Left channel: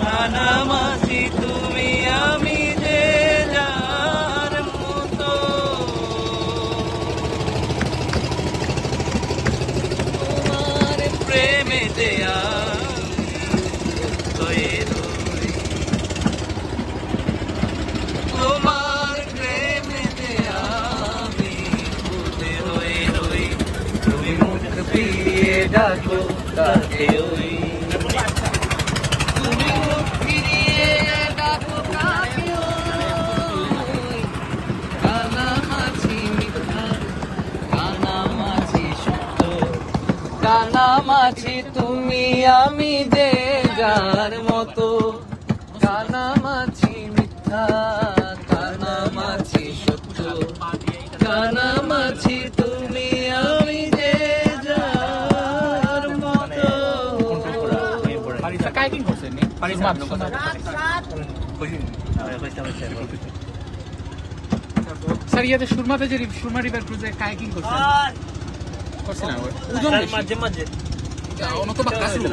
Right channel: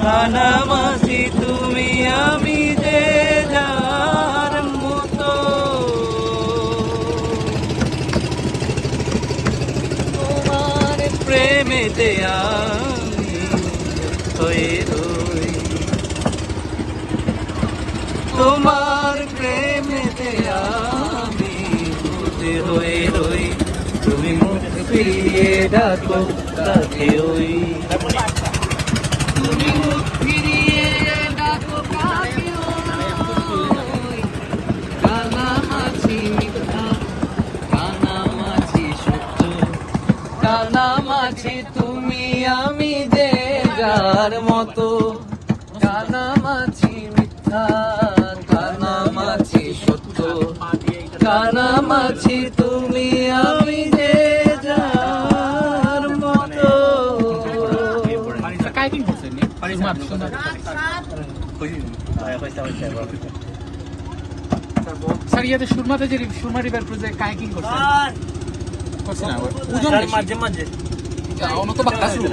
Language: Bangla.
কানামাছি তুমি আমি যে যার মতো, তোমার প্রেমেতে আমি হয়ে রই, তোমার প্রেমেতে আমি হয়ে রই। তুমি মুখ ফিরিয়ে ডাকো কাছে ওই, তুমি মুখ ফিরিয়ে ডাকো কাছে কানামাছি কানামাছি সত্য, কানামাছি তুমি আমি যে যার মতো, কানামাছি মিথ্যা কানামাছি সত্য, কানামাছি তুমি আমি যে যার মতো। স্যার ইয়াতে সুরমাতে যে সুরমা রিভার ক্রুজে কায়াকিং করছে বুঝেন মাঝে মাঝে অন্য তো বাক্কা শুরু